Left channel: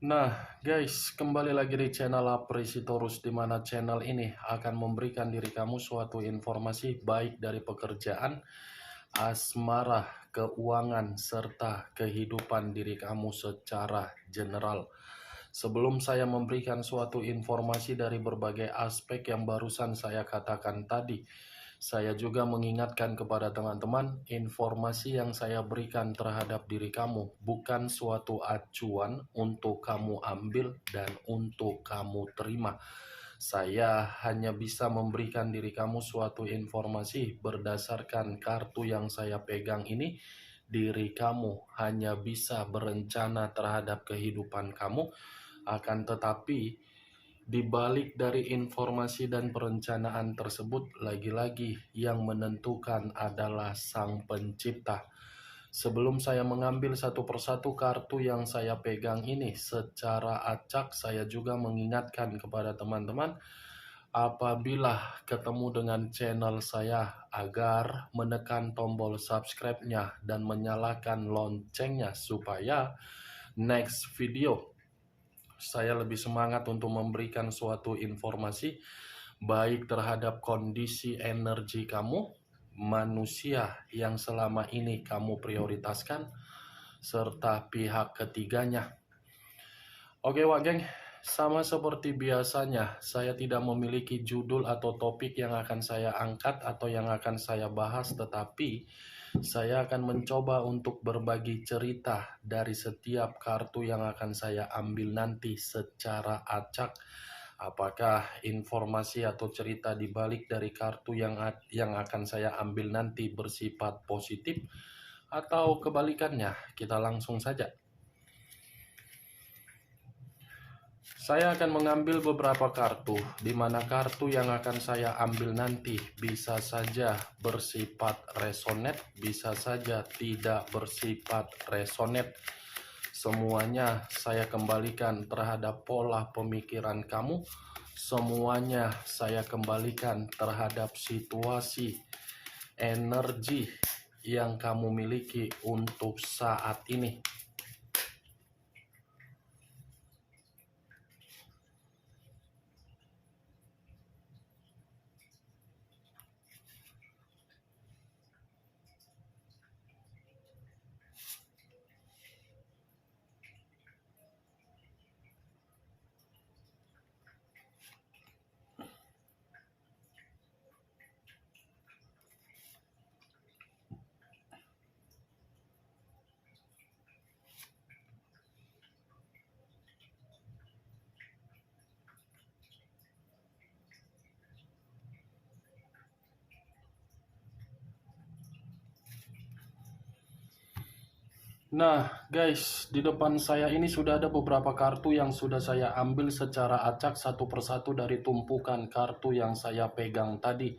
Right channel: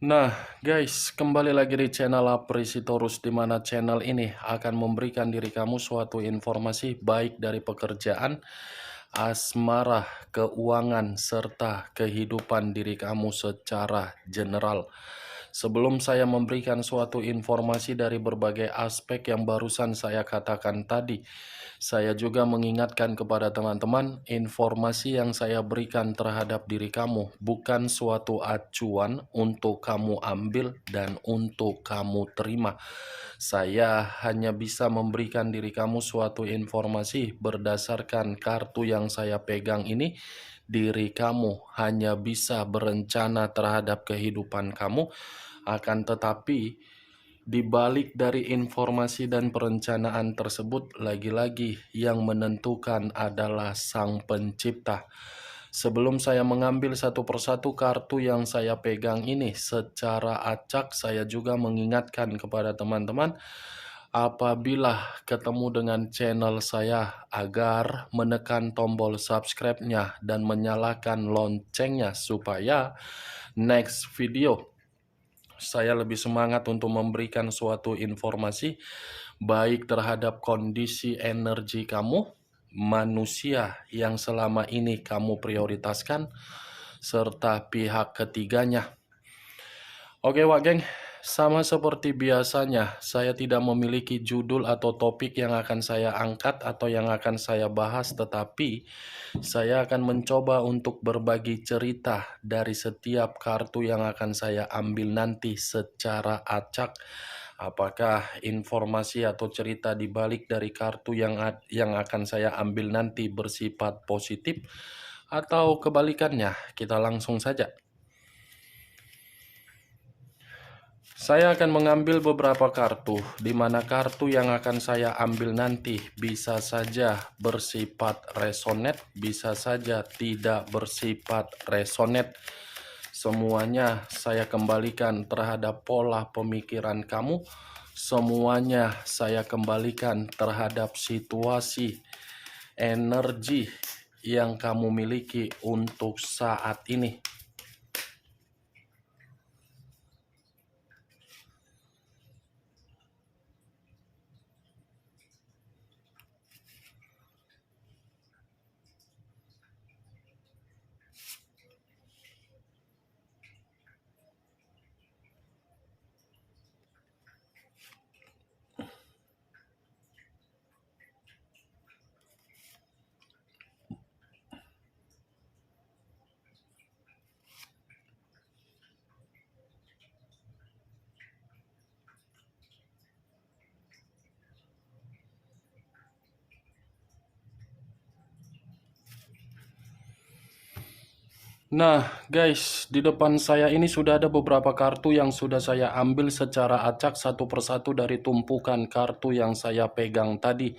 Nah, guys, kembali lagi di channel Aprisitorus, di mana channel ini akan memberikan diri kamu suatu informasi baik dari pekerjaan, asmara, keuangan, serta kehidupan diri kamu secara general. Sebelum saya memberikan suatu informasi dari berbagai aspek yang barusan saya katakan tadi, saya juga mengingatkan kepada teman-teman, informasi yang saya berikan terhadap diri kamu bukan suatu acuan untuk kamu ambil dan untuk kamu terima. Saya hanya bisa memberikan diri kamu suatu informasi berdasarkan kartu yang saya pegang ini. Diri kamu hanya bisa berencana terhadap kehidupan kamu, akan tetapi di balik dari informasi dan perencanaan tersebut, lagi-lagi yang menentukan adalah Sang Pencipta. Sebelum saya mengambil satu persatu kartu yang saya pegang ini secara acak, saya juga mengingatkan kepada teman-teman, apabila ketemu dengan channel saya, agar menekan tombol subscribe-nya dan menyalakan loncengnya supaya next video saya lebih semangat untuk memberikan suatu informasi baik terhadap kondisi energi kamu, manusia yang selama ini kamu prioritaskan, serta pihak ketiganya. Oke Wak Geng, sama seperti biasanya, saya tidak memiliki judul atau topik yang akan saya angkat atau yang akan saya bahas, tetapi saya akan mencoba untuk berbagi cerita dari setiap kartu yang akan saya ambil nanti secara acak. Apakah informasi atau cerita di balik dari kartu yang akan saya ambil nanti bersifat positif atau kebalikannya? Kita langsung saja. Saya akan mengambil beberapa kartu, di mana kartu yang akan saya ambil nanti bisa saja bersifat resonate, bisa saja tidak bersifat resonate. Semuanya saya kembalikan terhadap pola pemikiran kamu, semuanya saya kembalikan terhadap situasi, energi yang kamu miliki untuk saat ini. Nah, guys, di depan saya ini sudah ada beberapa kartu yang sudah saya ambil secara acak satu persatu dari tumpukan kartu yang saya pegang tadi.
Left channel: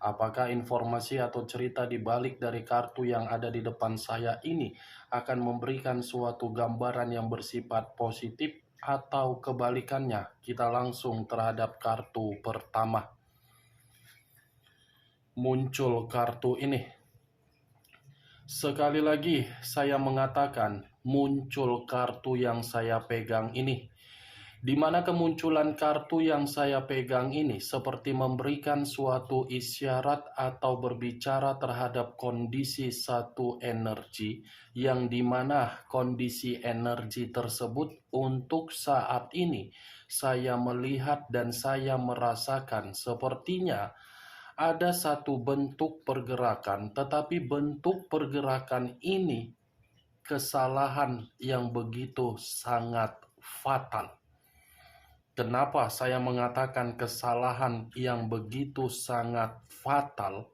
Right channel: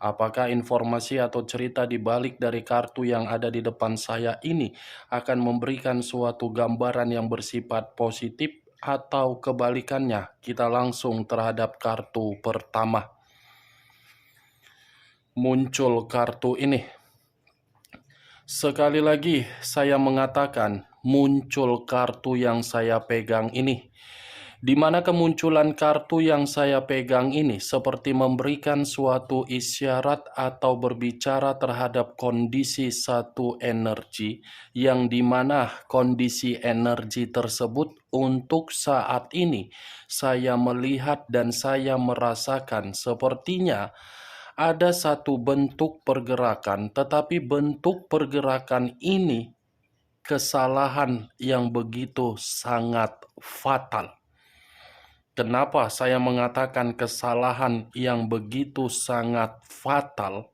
Apakah informasi atau cerita di balik dari kartu yang ada di depan saya ini akan memberikan suatu gambaran yang bersifat positif atau kebalikannya? Kita langsung terhadap kartu pertama. Muncul kartu ini. Sekali lagi saya mengatakan muncul kartu yang saya pegang ini. Di mana kemunculan kartu yang saya pegang ini seperti memberikan suatu isyarat atau berbicara terhadap kondisi satu energi, yang dimana kondisi energi tersebut untuk saat ini saya melihat dan saya merasakan sepertinya ada satu bentuk pergerakan, tetapi bentuk pergerakan ini kesalahan yang begitu sangat fatal. Kenapa saya mengatakan kesalahan yang begitu sangat fatal?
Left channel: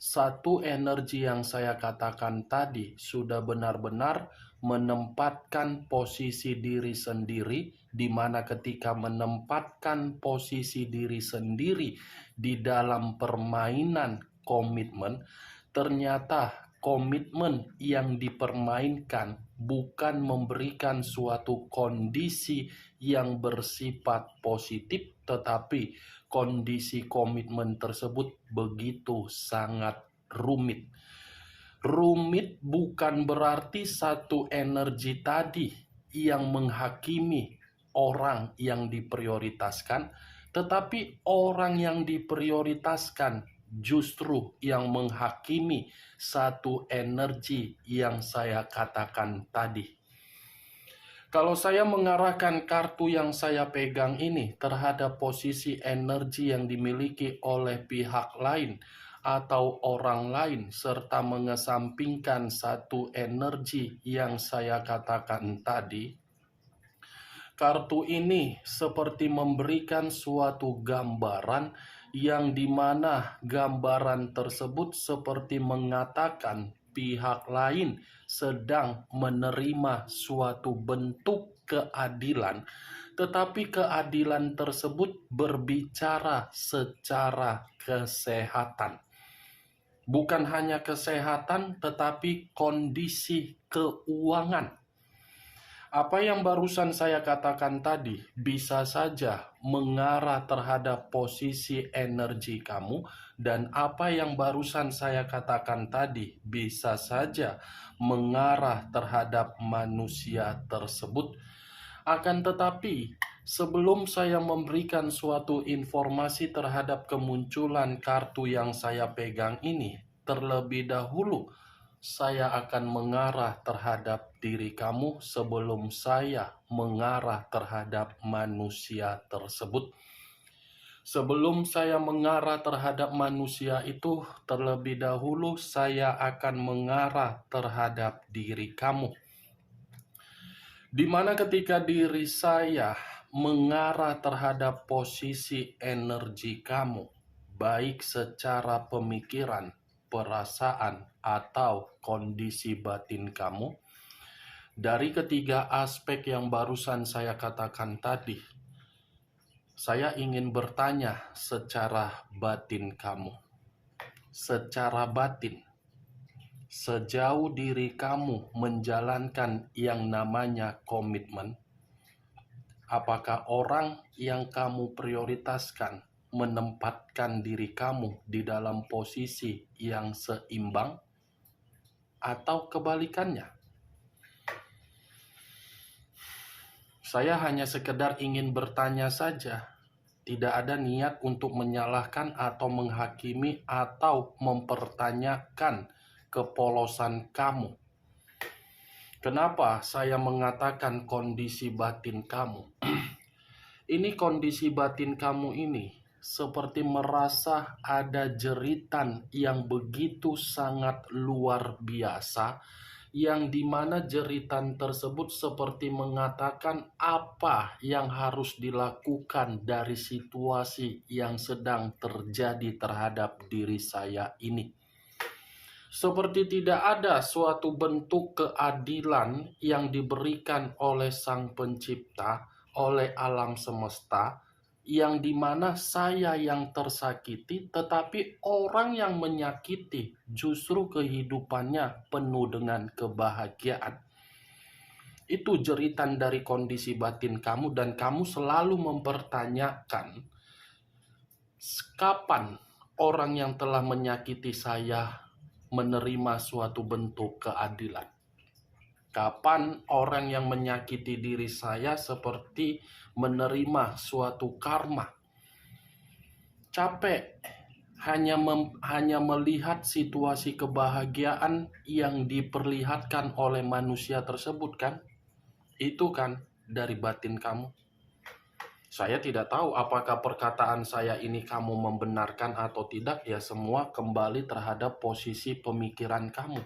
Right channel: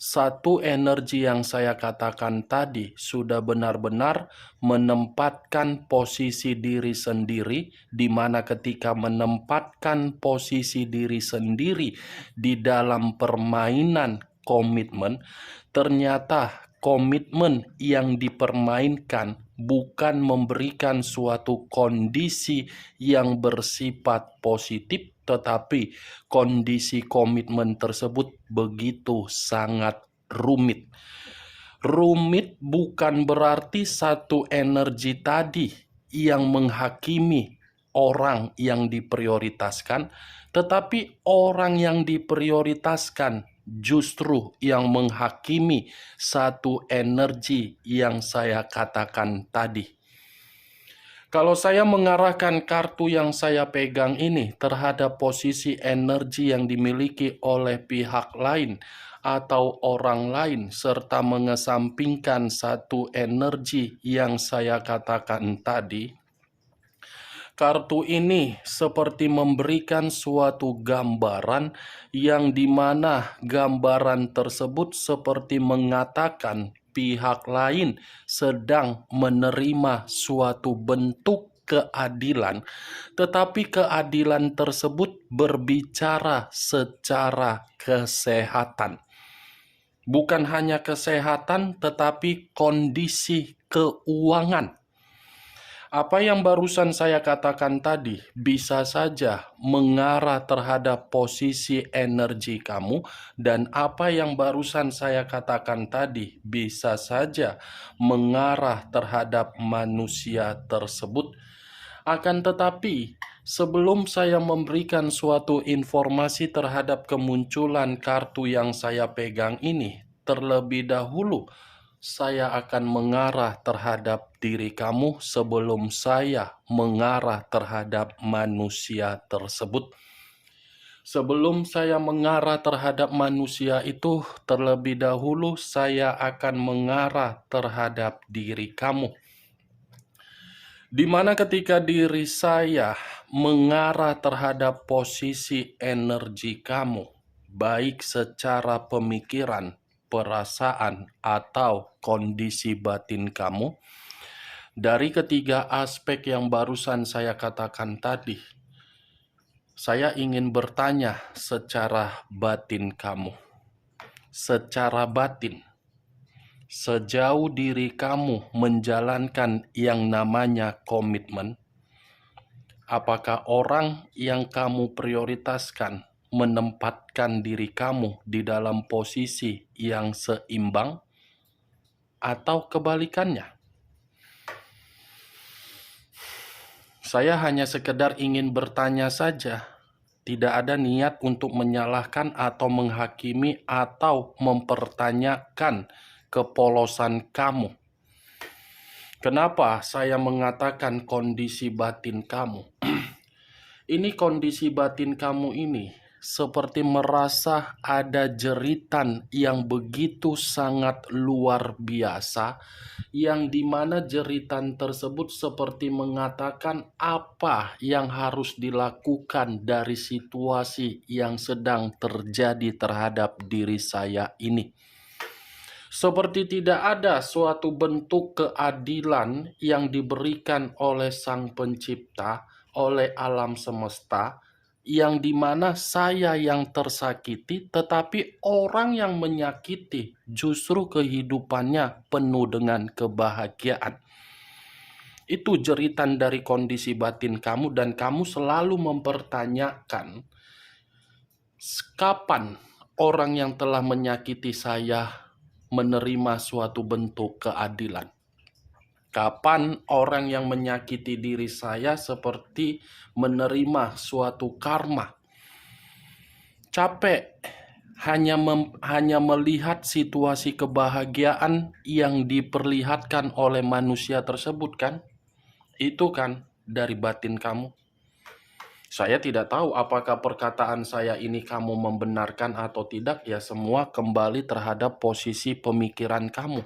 Satu energi yang saya katakan tadi sudah benar-benar menempatkan posisi diri sendiri, di mana ketika menempatkan posisi diri sendiri di dalam permainan komitmen, ternyata komitmen yang dipermainkan bukan memberikan suatu kondisi yang bersifat positif, tetapi kondisi komitmen tersebut begitu sangat rumit. Rumit bukan berarti satu energi tadi yang menghakimi orang yang diprioritaskan, tetapi orang yang diprioritaskan justru yang menghakimi satu energi yang saya katakan tadi. Kalau saya mengarahkan kartu yang saya pegang ini terhadap posisi energi yang dimiliki oleh pihak lain atau orang lain, serta mengesampingkan satu energi yang saya katakan tadi, kartu ini seperti memberikan suatu gambaran yang dimana gambaran tersebut seperti mengatakan pihak lain sedang menerima suatu bentuk keadilan, tetapi keadilan tersebut berbicara secara kesehatan. Bukan hanya kesehatan, tetapi kondisi keuangan. Apa yang barusan saya katakan tadi bisa saja mengarah terhadap posisi energi kamu, dan apa yang barusan saya katakan tadi bisa saja mengarah terhadap manusia tersebut. Akan tetapi, sebelum saya memberikan suatu informasi terhadap kemunculan kartu yang saya pegang ini, terlebih dahulu saya akan mengarah terhadap diri kamu sebelum saya mengarah terhadap manusia tersebut. Sebelum saya mengarah terhadap manusia itu, terlebih dahulu saya akan mengarah terhadap diri kamu. Di mana ketika diri saya mengarah terhadap posisi energi kamu, baik secara pemikiran, perasaan, atau kondisi batin kamu, dari ketiga aspek yang barusan saya katakan tadi, saya ingin bertanya secara batin kamu. Secara batin, sejauh diri kamu menjalankan yang namanya komitmen, apakah orang yang kamu prioritaskan menempatkan diri kamu di dalam posisi yang seimbang, atau kebalikannya? Saya hanya sekedar ingin bertanya saja. Tidak ada niat untuk menyalahkan atau menghakimi atau mempertanyakan kepolosan kamu. Kenapa saya mengatakan kondisi batin kamu? Ini kondisi batin kamu ini seperti merasa ada jeritan yang begitu sangat luar biasa, yang dimana jeritan tersebut seperti mengatakan apa yang harus dilakukan dari situasi yang sedang terjadi terhadap diri saya ini. Seperti tidak ada suatu bentuk keadilan yang diberikan oleh Sang Pencipta, oleh alam semesta, yang dimana saya yang tersakiti, tetapi orang yang menyakiti justru kehidupannya penuh dengan kebahagiaan. Itu jeritan dari kondisi batin kamu, dan kamu selalu mempertanyakan, kapan orang yang telah menyakiti saya menerima suatu bentuk keadilan? Kapan orang yang menyakiti diri saya seperti menerima suatu karma? Capek hanya melihat situasi kebahagiaan yang diperlihatkan oleh manusia tersebut, kan? Itu kan dari batin kamu. Saya tidak tahu apakah perkataan saya ini kamu membenarkan atau tidak, ya semua kembali terhadap posisi pemikiran kamu.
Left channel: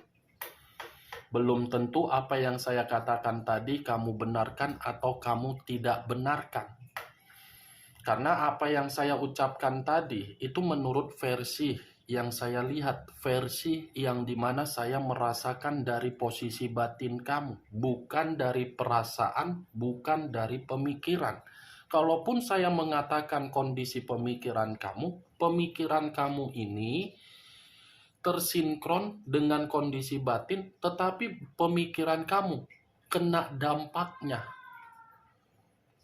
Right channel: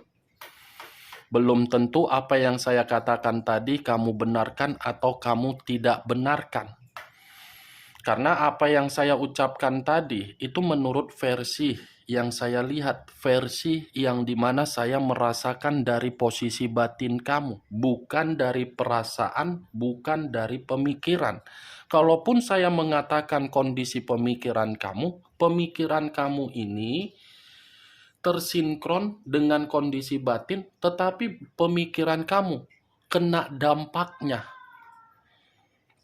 Belum tentu apa yang saya katakan tadi kamu benarkan atau kamu tidak benarkan. Karena apa yang saya ucapkan tadi itu menurut versi yang saya lihat, versi yang dimana saya merasakan dari posisi batin kamu, bukan dari perasaan, bukan dari pemikiran. Kalaupun saya mengatakan kondisi pemikiran kamu ini tersinkron dengan kondisi batin, tetapi pemikiran kamu kena dampaknya.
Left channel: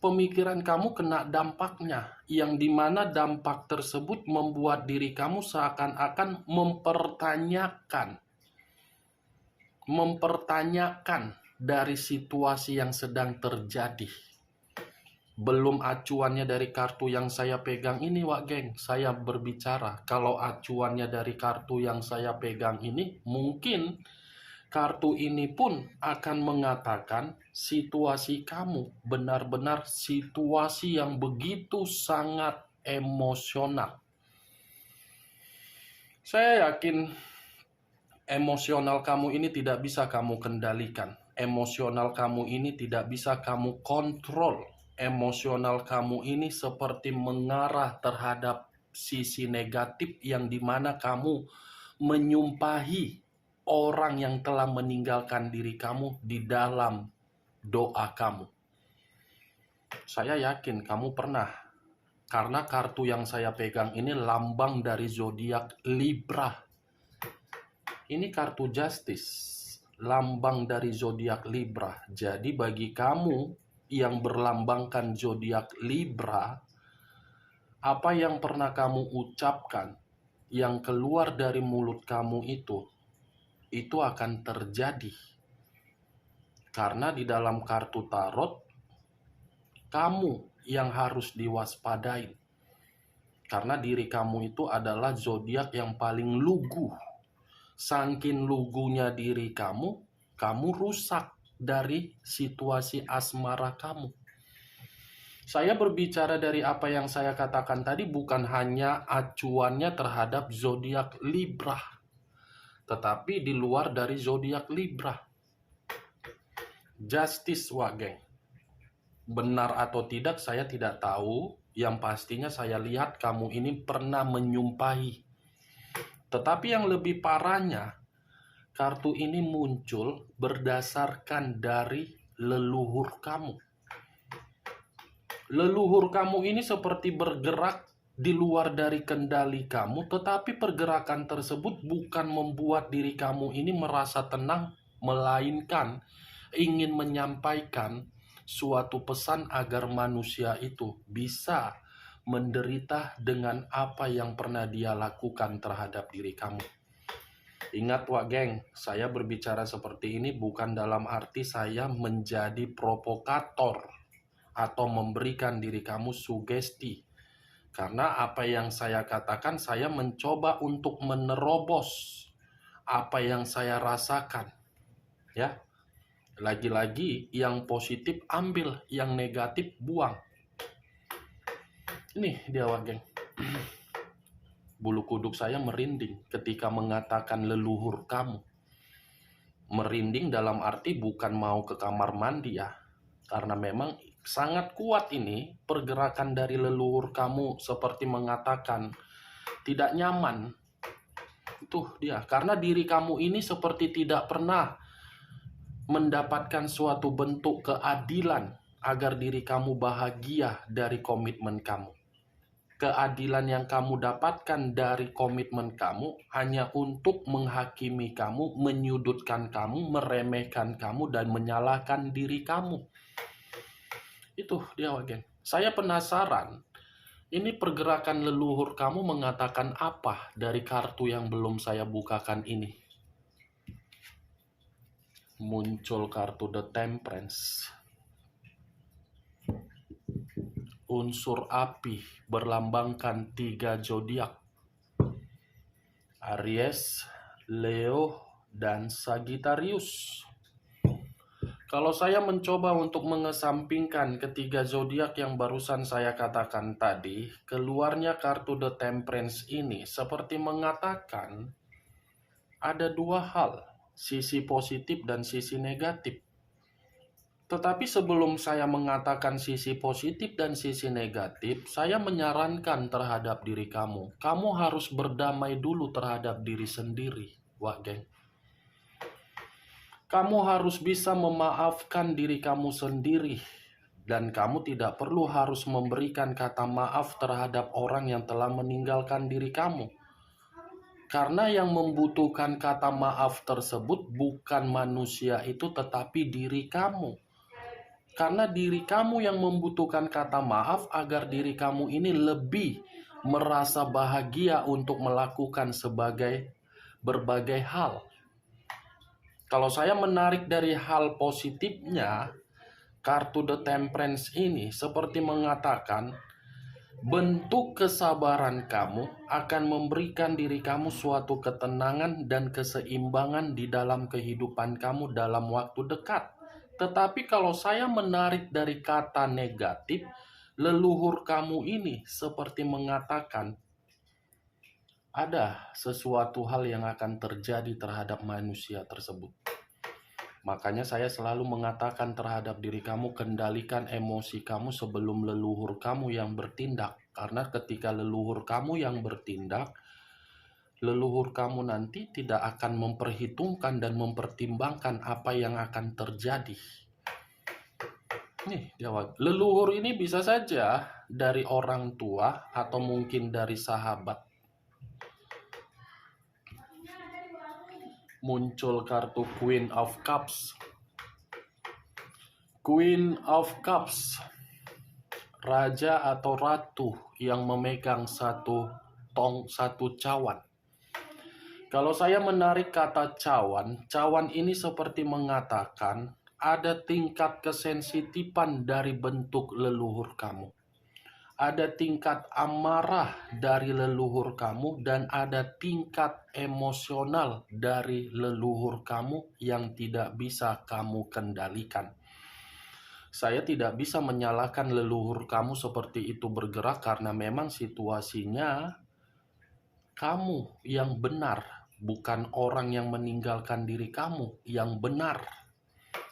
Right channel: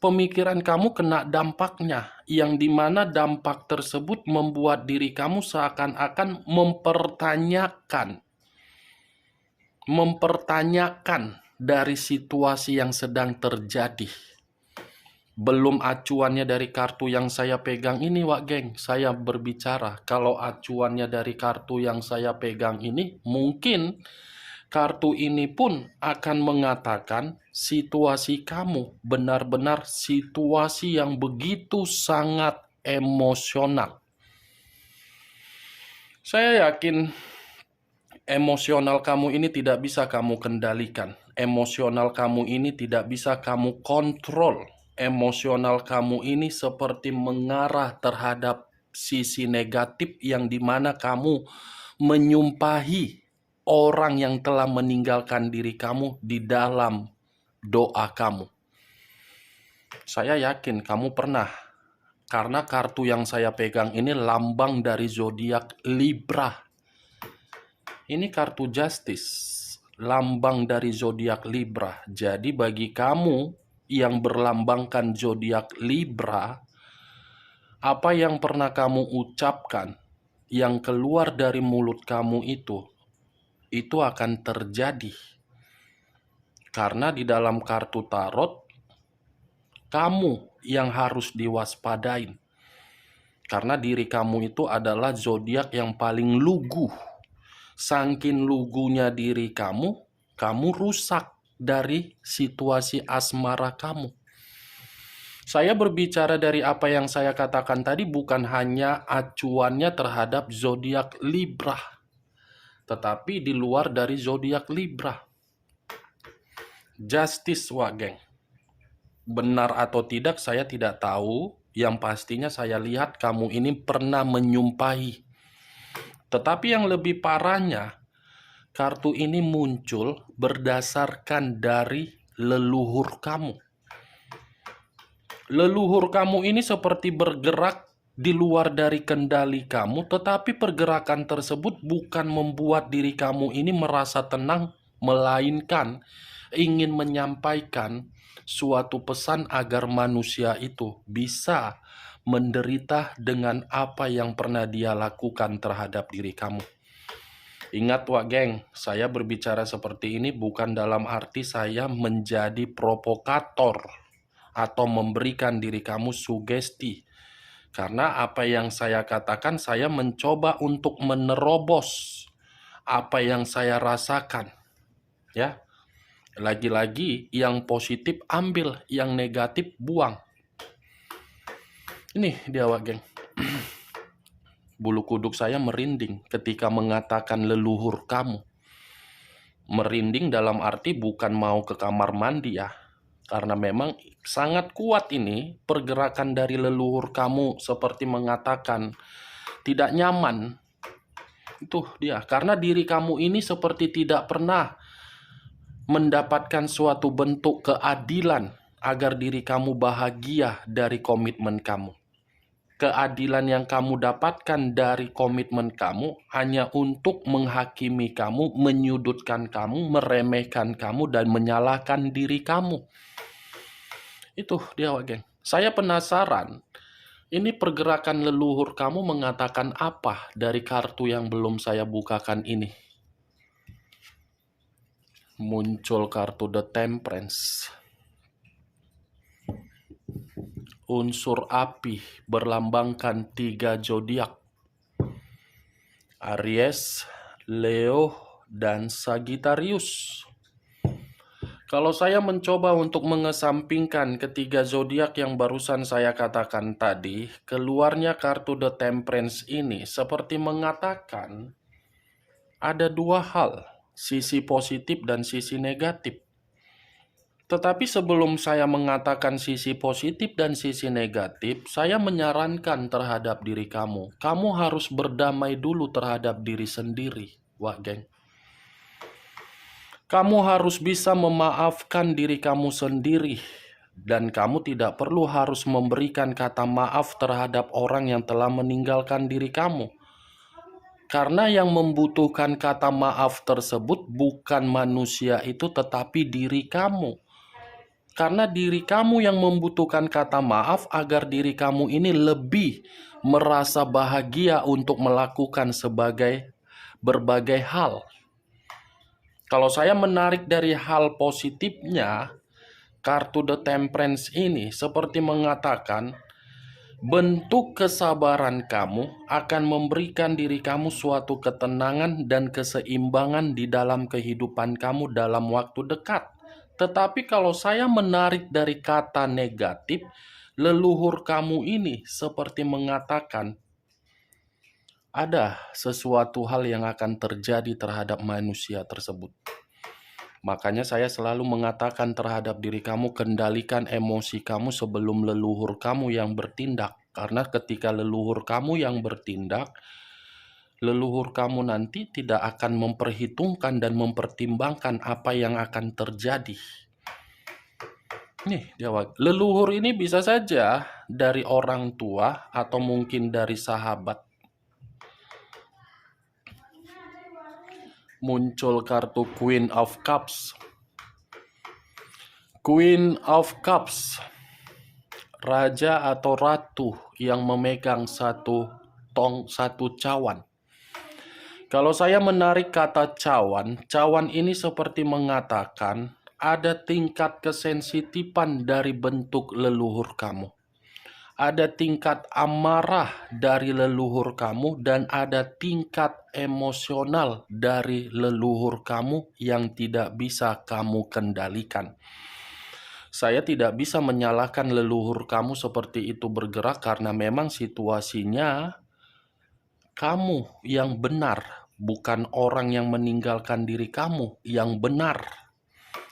Pemikiran kamu kena dampaknya, yang dimana dampak tersebut membuat diri kamu seakan-akan mempertanyakan dari situasi yang sedang terjadi. Belum acuannya dari kartu yang saya pegang ini, Wak Geng. Saya berbicara, kalau acuannya dari kartu yang saya pegang ini, mungkin kartu ini pun akan mengatakan situasi kamu benar-benar situasi yang begitu sangat emosional. Saya yakin emosional kamu ini tidak bisa kamu kendalikan. Emosional kamu ini tidak bisa kamu kontrol. Emosional kamu ini seperti mengarah terhadap sisi negatif yang dimana kamu menyumpahi orang yang telah meninggalkan diri kamu di dalam doa kamu. Saya yakin kamu pernah, karena kartu yang saya pegang ini lambang dari zodiak Libra. Ini kartu Justice, lambang dari zodiak Libra. Jadi bagi kamu yang berlambangkan zodiak Libra, apa yang pernah kamu ucapkan, yang keluar dari mulut kamu itu akan terjadi. Karena di dalam kartu tarot, kamu yang harus diwaspadain. Karena diri kamu itu adalah zodiak yang paling lugu. Saking lugunya diri kamu, kamu rusak dari situasi asmara kamu. Saya berbicara dari apa yang saya katakan tadi bukan hanya acuannya terhadap zodiak Libra, tetapi di luar dari zodiak Libra. Justice, Wak Geng. Benar atau tidak saya tidak tahu, yang pastinya saya lihat kamu ini pernah menyumpahi. Tetapi yang lebih parahnya, kartu ini muncul berdasarkan dari leluhur kamu. Leluhur kamu ini seperti bergerak di luar dari kendali kamu, tetapi pergerakan tersebut bukan membuat diri kamu ini merasa tenang, melainkan ingin menyampaikan suatu pesan agar manusia itu bisa menderita dengan apa yang pernah dia lakukan terhadap diri kamu. Ingat, Wak Geng, saya berbicara seperti ini bukan dalam arti saya menjadi provokator atau memberikan diri kamu sugesti. Karena apa yang saya katakan, saya mencoba untuk menerobos apa yang saya rasakan. Ya, lagi-lagi yang positif ambil, yang negatif buang. Ini dia, Wak Geng. Bulu kuduk saya merinding ketika mengatakan leluhur kamu. Merinding dalam arti bukan mau ke kamar mandi ya. Karena memang sangat kuat ini pergerakan dari leluhur kamu seperti mengatakan tidak nyaman. Itu dia. Karena diri kamu ini seperti tidak pernah mendapatkan suatu bentuk keadilan agar diri kamu bahagia dari komitmen kamu. Keadilan yang kamu dapatkan dari komitmen kamu hanya untuk menghakimi kamu, menyudutkan kamu, meremehkan kamu, dan menyalahkan diri kamu. Itu dia, Wak Geng. Saya penasaran, ini pergerakan leluhur kamu mengatakan apa dari kartu yang belum saya bukakan ini? Muncul kartu The Temperance. Unsur api berlambangkan 3 zodiak. Aries, Leo, dan Sagittarius. Kalau saya mencoba untuk mengesampingkan ketiga zodiak yang barusan saya katakan tadi, keluarnya kartu The Temperance ini seperti mengatakan ada dua hal, sisi positif dan sisi negatif. Tetapi sebelum saya mengatakan sisi positif dan sisi negatif, saya menyarankan terhadap diri kamu. Kamu harus berdamai dulu terhadap diri sendiri, Wak Geng. Kamu harus bisa memaafkan diri kamu sendiri. Dan kamu tidak perlu harus memberikan kata maaf terhadap orang yang telah meninggalkan diri kamu. Karena yang membutuhkan kata maaf tersebut bukan manusia itu, tetapi diri kamu. Karena diri kamu yang membutuhkan kata maaf agar diri kamu ini lebih merasa bahagia untuk melakukan berbagai hal. Kalau saya menarik dari hal positifnya, kartu The Temperance ini seperti mengatakan, bentuk kesabaran kamu akan memberikan diri kamu suatu ketenangan dan keseimbangan di dalam kehidupan kamu dalam waktu dekat. Tetapi kalau saya menarik dari kata negatif, leluhur kamu ini seperti mengatakan, ada sesuatu hal yang akan terjadi terhadap manusia tersebut. Makanya saya selalu mengatakan terhadap diri kamu, kendalikan emosi kamu sebelum leluhur kamu yang bertindak. Karena ketika leluhur kamu yang bertindak, leluhur kamu nanti tidak akan memperhitungkan dan mempertimbangkan apa yang akan terjadi. Nih, jawab. Leluhur ini bisa saja dari orang tua atau mungkin dari sahabat. Muncul kartu Queen of Cups. Queen of Cups, raja atau ratu yang memegang satu cawan. Kalau saya menarik kata cawan, cawan ini seperti mengatakan ada tingkat kesensitifan dari bentuk leluhur kamu. Ada tingkat amarah dari leluhur kamu dan ada tingkat emosional dari leluhur kamu yang tidak bisa kamu kendalikan. Saya tidak bisa menyalahkan leluhur kamu seperti itu bergerak karena memang situasinya kamu yang benar, bukan orang yang meninggalkan diri kamu yang benar.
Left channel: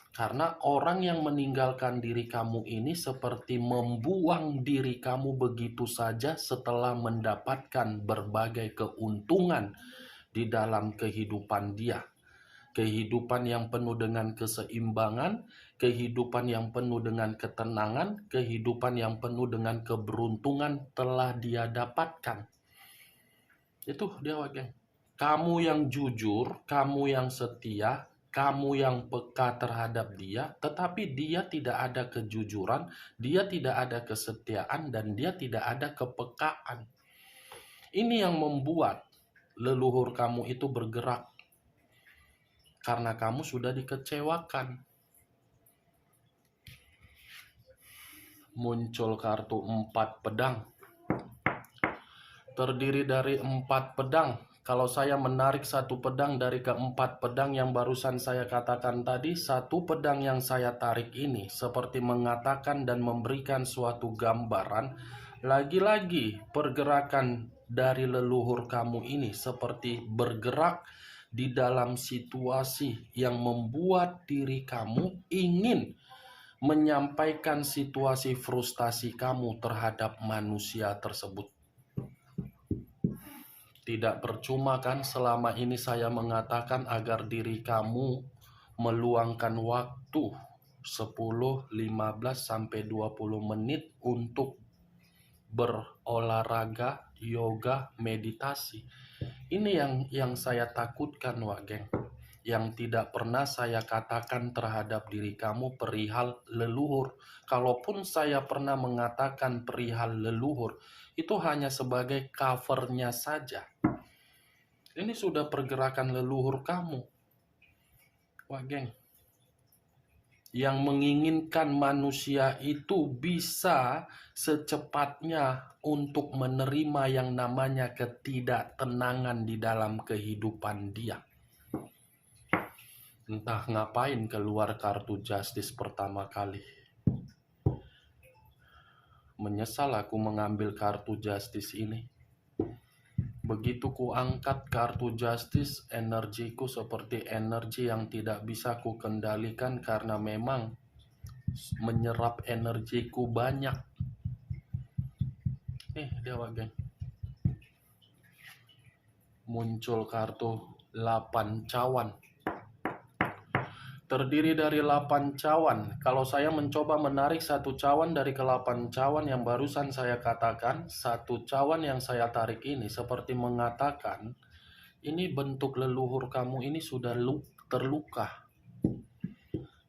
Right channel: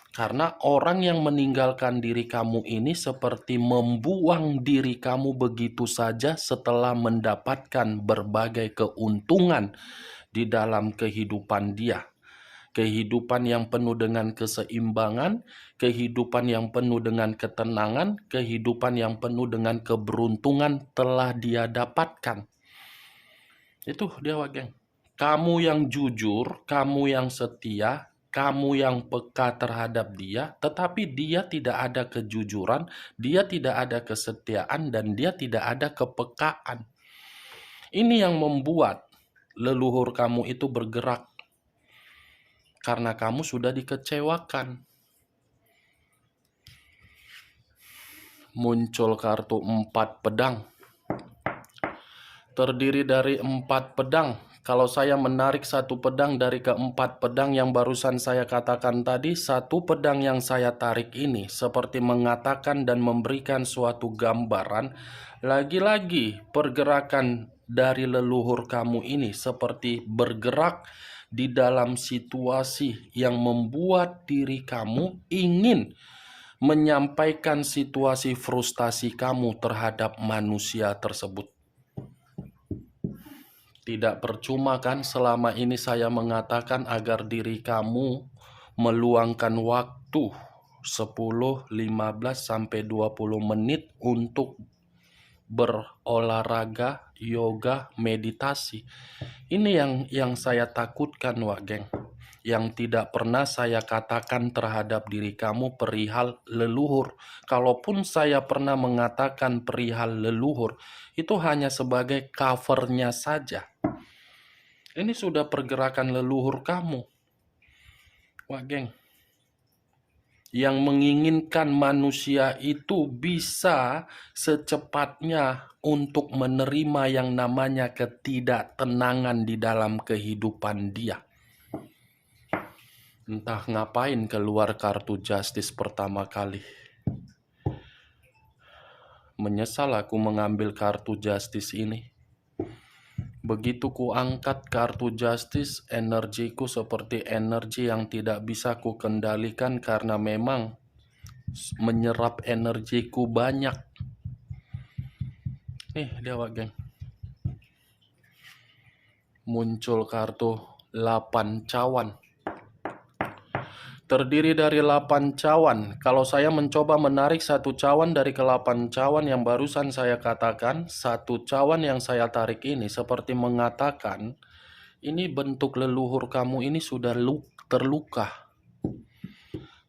Karena orang yang meninggalkan diri kamu ini seperti membuang diri kamu begitu saja setelah mendapatkan berbagai keuntungan di dalam kehidupan dia. Kehidupan yang penuh dengan keseimbangan, kehidupan yang penuh dengan ketenangan, kehidupan yang penuh dengan keberuntungan telah dia dapatkan. Itu dia, geng. Kamu yang jujur, kamu yang setia, kamu yang peka terhadap dia, tetapi dia tidak ada kejujuran, dia tidak ada kesetiaan, dan dia tidak ada kepekaan. Ini yang membuat leluhur kamu itu bergerak. Karena kamu sudah dikecewakan. Muncul kartu 4 pedang. Terdiri dari 4 pedang. Kalau saya menarik satu pedang dari keempat pedang yang barusan saya katakan tadi, satu pedang yang saya tarik ini seperti mengatakan dan memberikan suatu gambaran. Lagi-lagi pergerakan dari leluhur kamu ini seperti bergerak di dalam situasi yang membuat diri kamu ingin menyampaikan situasi frustasi kamu terhadap manusia tersebut. Tidak percuma kan selama ini saya mengatakan agar diri kamu meluangkan waktu 10, 15 sampai 20 menit untuk berolahraga, yoga, meditasi. Ini yang saya takutkan, Wak Geng. Yang tidak pernah saya katakan terhadap diri kamu perihal leluhur. Kalaupun saya pernah mengatakan perihal leluhur, itu hanya sebagai covernya saja. Ini sudah pergerakan leluhur kamu, Wak Geng. Yang menginginkan manusia itu bisa secepatnya untuk menerima yang namanya ketidaktenangan di dalam kehidupan dia. Entah ngapain keluar kartu Justice pertama kali. Menyesal aku mengambil kartu Justice ini. Begitu ku angkat kartu Justice, energiku seperti energi yang tidak bisa ku kendalikan karena memang menyerap energiku banyak. Dia, Wak Geng. Muncul kartu 8 cawan. Terdiri dari 8 cawan. Kalau saya mencoba menarik satu cawan dari ke-8 cawan yang barusan saya katakan, satu cawan yang saya tarik ini seperti mengatakan, ini bentuk leluhur kamu ini sudah terluka.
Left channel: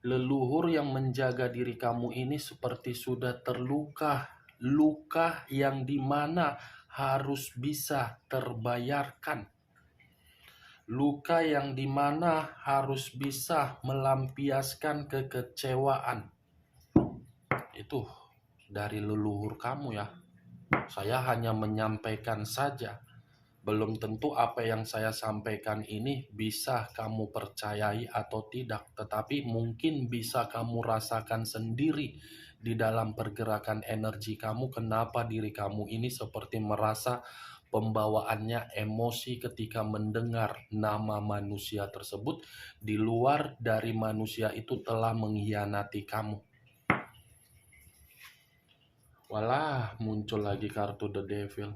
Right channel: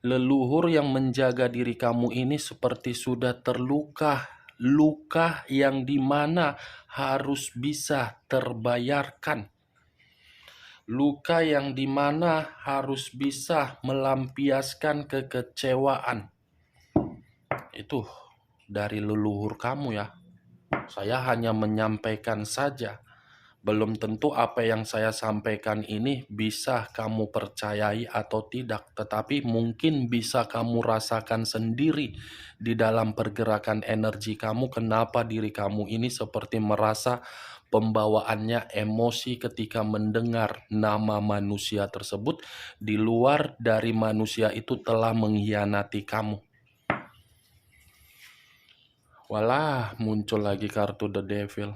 Leluhur yang menjaga diri kamu ini seperti sudah terluka. Luka yang dimana harus bisa terbayarkan. Luka yang dimana harus bisa melampiaskan kekecewaan. Itu dari leluhur kamu ya. Saya hanya menyampaikan saja. Belum tentu apa yang saya sampaikan ini bisa kamu percayai atau tidak, tetapi mungkin bisa kamu rasakan sendiri di dalam pergerakan energi kamu, kenapa diri kamu ini seperti merasa pembawaannya emosi ketika mendengar nama manusia tersebut, di luar dari manusia itu telah mengkhianati kamu. Walah, muncul lagi kartu The Devil.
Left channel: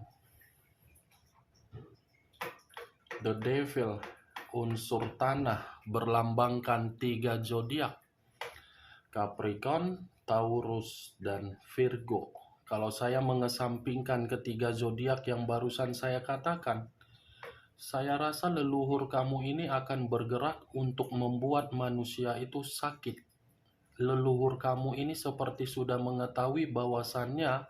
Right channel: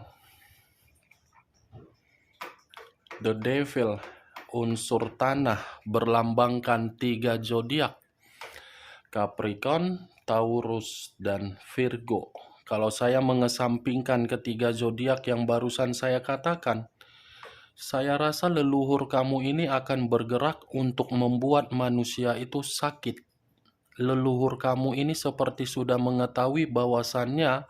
The Devil, unsur tanah, berlambangkan 3 zodiak, Capricorn, Taurus, dan Virgo. Kalau saya mengesampingkan ketiga zodiak yang barusan saya katakan, saya rasa leluhur kamu ini akan bergerak untuk membuat manusia itu sakit. Leluhur kamu ini seperti sudah mengetahui bahwasannya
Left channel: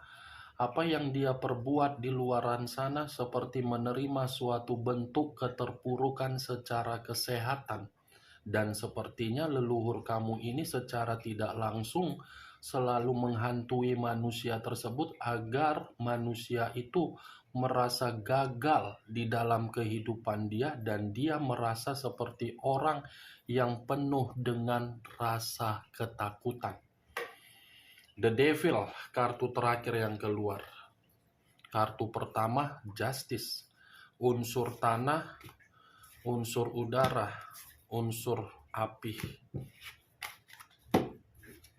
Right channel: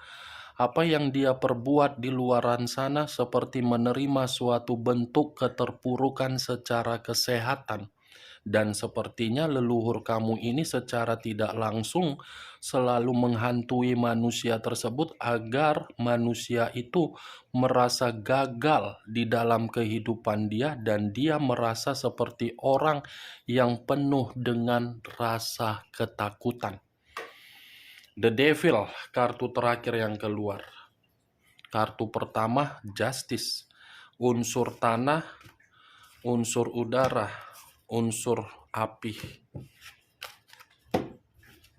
apa yang dia perbuat di luaran sana seperti menerima suatu bentuk keterpurukan secara kesehatan. Dan sepertinya leluhur kamu ini secara tidak langsung selalu menghantui manusia tersebut agar manusia itu merasa gagal di dalam kehidupan dia dan dia merasa seperti orang yang penuh dengan rasa ketakutan. The Devil, kartu terakhir yang keluar. Kartu pertama, Justice. Unsur tanah, unsur udara, unsur api.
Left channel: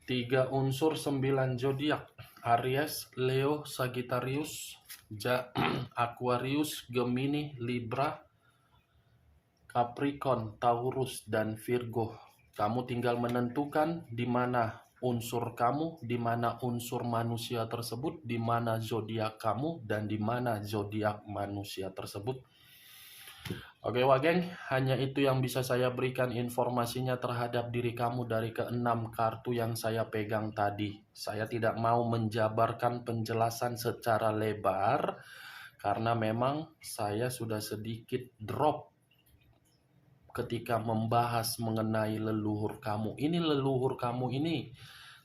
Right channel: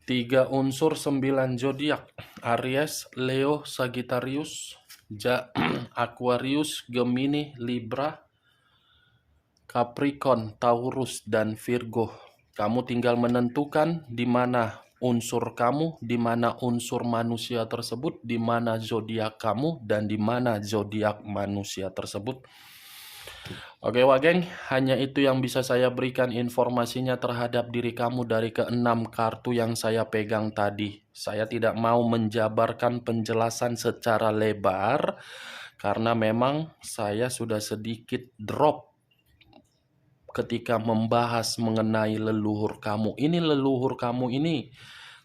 3 unsur 9 zodiak, Aries, Leo, Sagittarius, Aquarius, Gemini, Libra, Capricorn, Taurus, dan Virgo. Kamu tinggal menentukan di mana unsur kamu, di mana unsur manusia tersebut, di mana zodiak kamu, dan di mana zodiak manusia tersebut. Oke Wageng, hanya itu yang bisa saya berikan informasinya terhadap diri kamu dari ke-6 kartu yang saya pegang tadi. Saya tidak mau menjabarkan penjelasan secara lebar karena memang saya sudah sedikit drop ketika membahas mengenai leluhur kamu. Ini leluhur kamu ini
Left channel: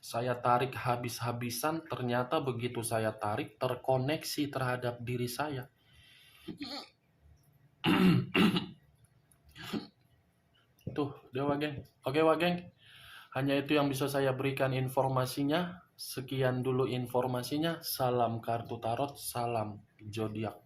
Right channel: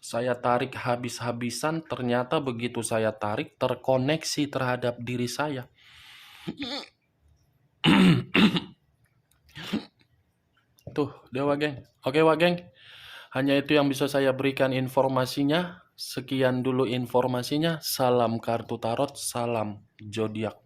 saya tarik habis-habisan, ternyata begitu saya tarik terkoneksi terhadap diri saya. Tuh, dia Wageng. Oke Wageng, hanya itu yang bisa saya berikan informasinya. Sekian dulu informasinya. Salam kartu tarot, salam zodiak.